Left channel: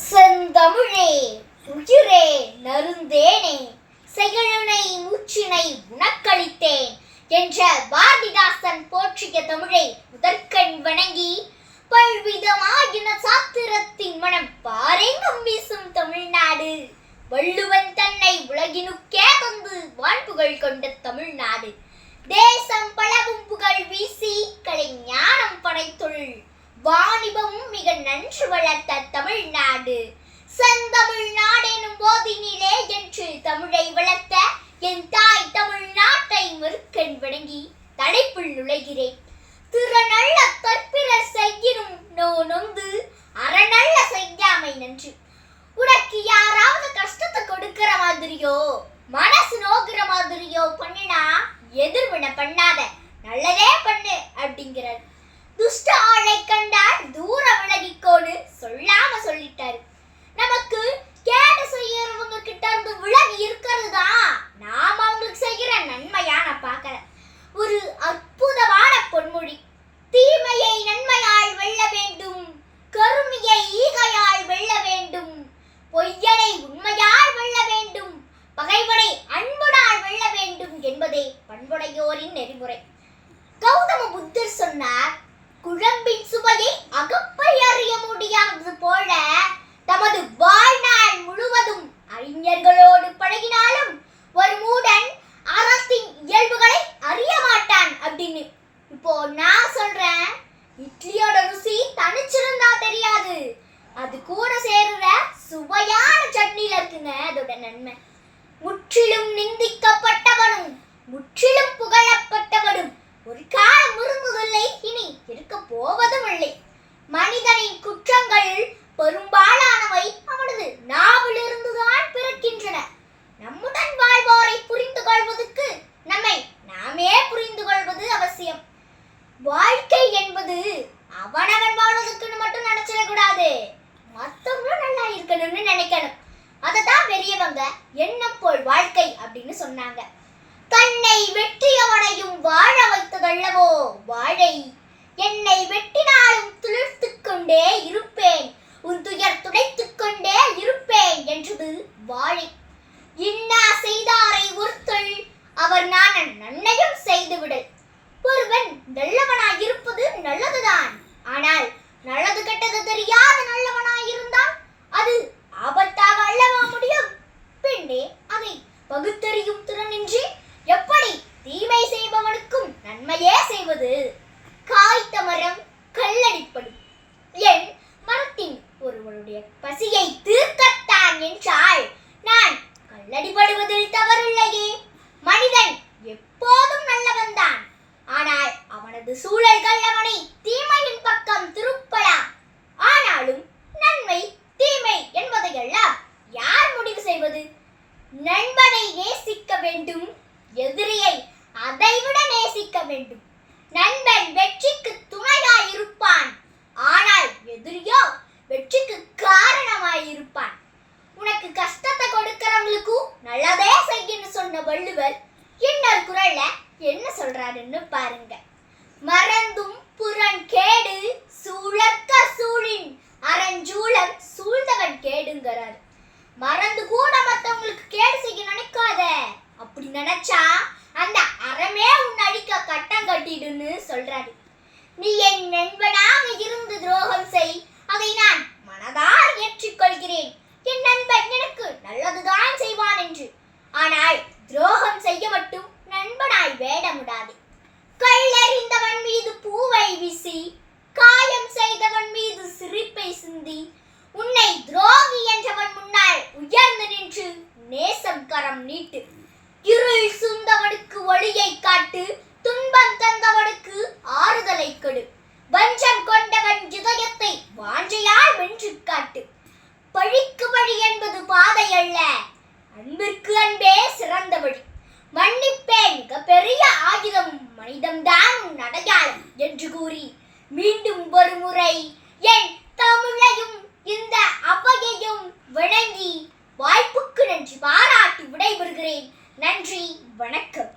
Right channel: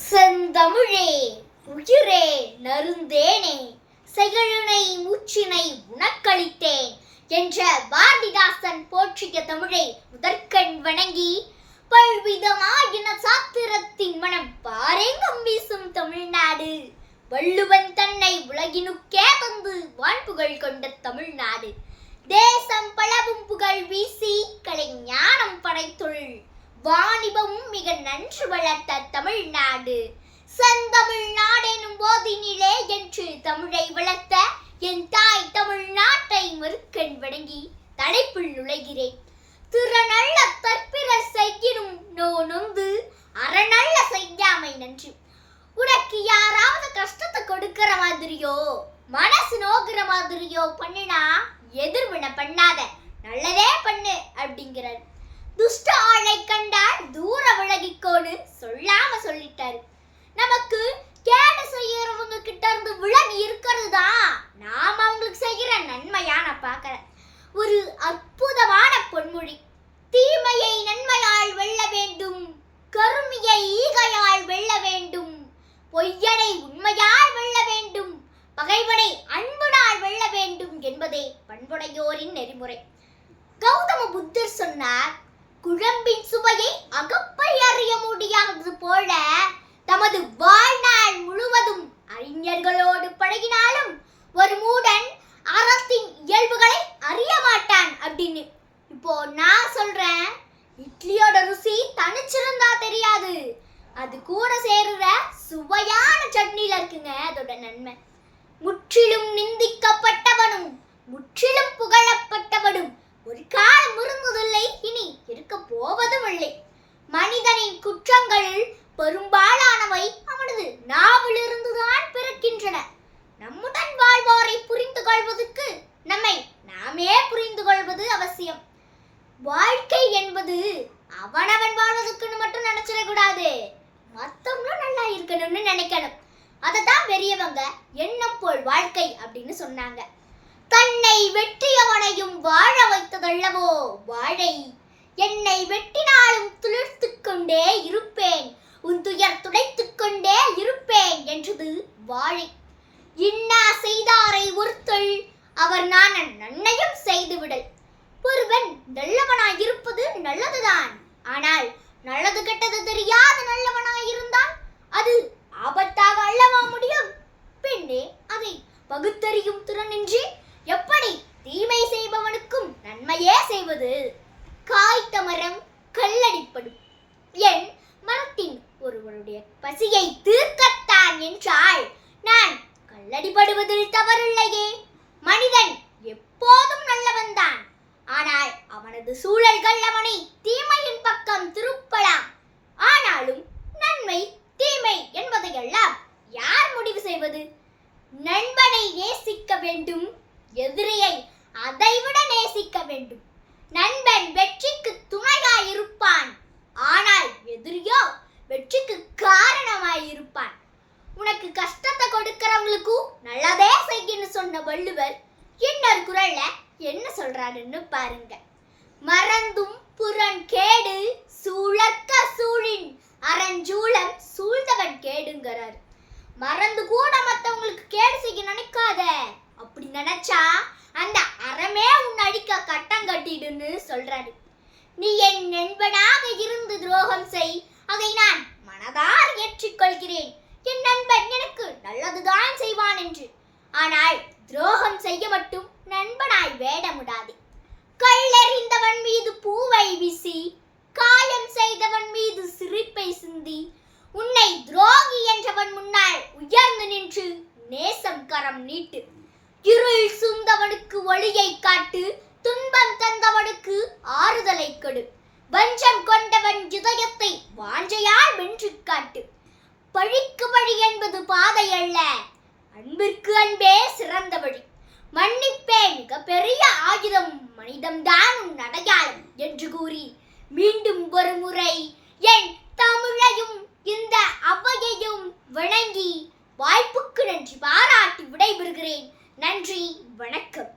செந்தமிழே உயிரே நறுந்தேனே செயலுனை மூச்சினை உனக்களித்தேன் என்ற பாரதிதாசன் போற்றிய தமிழை முதற்கண் வணங்கி பல்விதமாயின சாத்திரத்தின் மனம் பாரெங்கும் வீசும் தமிழ்நாடு, வள்ளுவன் தன்னை உலகினுக்கே தந்து வான்புகழ் கொண்ட தமிழ்நாடு, தேசம் பலவும் புகழ் வீசி கலை ஞானம் படைத்தொழில் வாணிபமும் மிக நன்று வளர்த்த தமிழ்நாடு, செந்தமிழ்நாடு எனும் போதினிலே என்று தமிழை வளர்த்த என் தாய் தமிழ்நாட்டை மறுக்கண் வணங்கி தலைப்புள் நுழைகிறேன். திறனல்ல தற்பிறர் செய்யினும் நொந்து அறநல்ல செய்யாமை நன்று. உனக்கு யாராவது கஷ்டத்தை கொடுக்கிற மாதிரியோ மனசு நோக்குற மாதிரியோ பண்ணினா எதிர்வினை பண்ணாத, நல்லதே பண்ணு அப்படிங்கிறார். துஷ்ட ஆளை கண்டால் தூர விலகிக்கோன்னு சொல்லாம சொல்லிட்டாரு. நமக்கு கேடு செய்யறவங்க கிட்ட இருந்து விலகி இருக்கிறது தான் நாம அவங்களுக்கு செய்கிற நன்மையா நான் பார்க்கிறேன். ஒரு அற்புதமான பொன்மொழி. தீமையை நன்மையால் வெல்ல வேண்டும், கருமையை ஈகையால் வெல்ல வேண்டும், பொய்யனை உண்மையால் வெல்ல வேண்டும், பகைவனை அன்புடால் வெல்ல வேண்டும் என்பதே பண்புடையோரின் நெறிமுறை. கௌதம புத்தர் சொன்னார், குழம்பின் சுவையை அகப்பை அறிய முடியாதது போல தமது வாழ்நாள் முழுவதும் அறிஞர்களோடு பழகினாலும் ஒரு மூடன் அறத்தின் இயல்புகளை அறிய மாட்டான் அப்படின்னு. இப்போ நான் சொல்றேன், இட்லியோட ருசி தனிச்சிருந்தா தெரியாது, அது கூட சேருற சுவையான சட்னில இருக்குங்க அதோட நன்மை. முற்றிலும் நிந்திக்கப்பட்டவனும் முற்றிலும் புகழப்பட்டவனும் ஒரு காலம் இருந்ததில்லை, இனி இருக்க போவதும் இல்லை. மனிதனின் குற்றங்கள் பெரும்பாலானவை அவனது நாவிலிருந்துதான் பிறக்கின்றன. நம்முடன் வாழ்வோரை புரிந்து கொள்வதற்கு நம்மை நாமே புரிந்து கொள்வது அவசியம். வாழ்க்கை என்பது அவனவன் வாழ்வதற்குன்னு மட்டும் நினைச்சிடக்கூடாது, மற்றவங்களும் நல்லா இருக்கணும்னு நினைக்கணும். அதைத்தான் பெரியவங்க எண்ணம் போல் வாழ்க்கை அப்படின்னு சொன்னாங்க. தன்னை வெற்றியவனையும் வாழ வைத்ததல்லவோ வாழை, என்னை வெட்டினாலும் துளிர்த்துக் கொண்டே இருப்பேன், உன் துயர் துடைத்துக் கொண்டே இருப்பேன் என்றது வாழை. இன்னா செய்தாரை ஒருத்தல் அவர் நான் நன்மையும் செய்துவிடல். ஒருவன் நல்லவனாய் இருப்பது நல்லதுதான், ஆனால் நல்லது கெட்டது தெரியாத நல்லவனாய் இருந்தால் அது ஆபத்தாக அல்லவா முடியும்? பெண்ணே, அதை பகுத்தறியும் திறனின்றி எப்படி தீமை செய்பவனுக்கும் நன்மையே செய்வது? காய்த்த மரம் கல்லடிப்படும். என் மரத்தின் ஒருவருடைய பசியை தீர்க்கத்தான் என்றால் நான் கல்லடிப்படுவதில் தவறில்லையே. மனிதன் எப்போதும் நல்லவன் தான், ஆனால் அவனது சூழல்கள் அவனை தீமையின் பக்கம் திருப்பலாம். ஆனாலும் நன்மை தீமை என்பதையெல்லாம் யார் முடிவு செய்வது? நண்பனை நேசிக்க வேண்டும், எதிரியை அதைவிட நேசிக்க வேண்டும். நண்பன் வெற்றிக்கு துணையாய் இருப்பான், ஆனால் எதிரியோ வெற்றிக்கு காரணமாய் இருப்பான். உனக்கு கஷ்டத்தை கொடுக்கிறவங்களுக்கும் நல்லதே செய்யன்னு சொன்ன வள்ளுவர் இன்னொரு குறள்ல என்ன சொல்றாருன்னு பாருங்க. மறந்தும் புறன் கேடு சூழற்க சூழின் அறஞ்சூழல் சூழ்ந்தவன் கேடுங்கிறார். மறந்து கூட மற்றவங்களுக்கு கேடு செய்ய நினைக்காத, அப்படி நினைச்சா அந்த அறமே உன் அடிக்க கட்டம் கட்டிடுன்னு சொல்றாரு. நீ என் நண்பனாக இருந்து துரோகம் செய், அதை நான் மனதால் ஏற்றுக்கொள்கிறேன். என் நண்பன் எனக்கு நல்லதுதான் செய்வான் என்று. ஆனால் துரோகம் செய்ய மட்டும் நண்பனாய் வேடமுடாது. கல்லெறிந்தவன் மீது பூவை வீசி, காயம் செய்தவன் மீது சிரிப்பை சிந்தி, உன்னை துரோகி என்றவன் முன்னால் உயர்ந்து நின்று நேசம் கரம் நீட்டு. இருள் சூழ்ந்தவனுக்கு ஒளியை காட்டு, துன்பம் தந்தவனுக்கு ஆறுதலை கொடு. வஞ்சம் கொண்டவன் இதயத்தை வாஞ்சையால் வென்று காட்டு. பழிக்கு வழி என்பது பாதை அல்ல, அன்பிற்கு அன்பே சிறந்த வழி. மன்னிப்பே மிக பெரிய ஆயுதம், மனிதம்தான் உன் அடையாளம் என்று கூறி மீண்டும் ஒரு முறை என் தமிழையும் இந்த அவையையும் வணங்கி வாய்ப்புக்கு நன்றி பாராட்டி விடைபெறுகிறேன். நன்றி, வணக்கம்.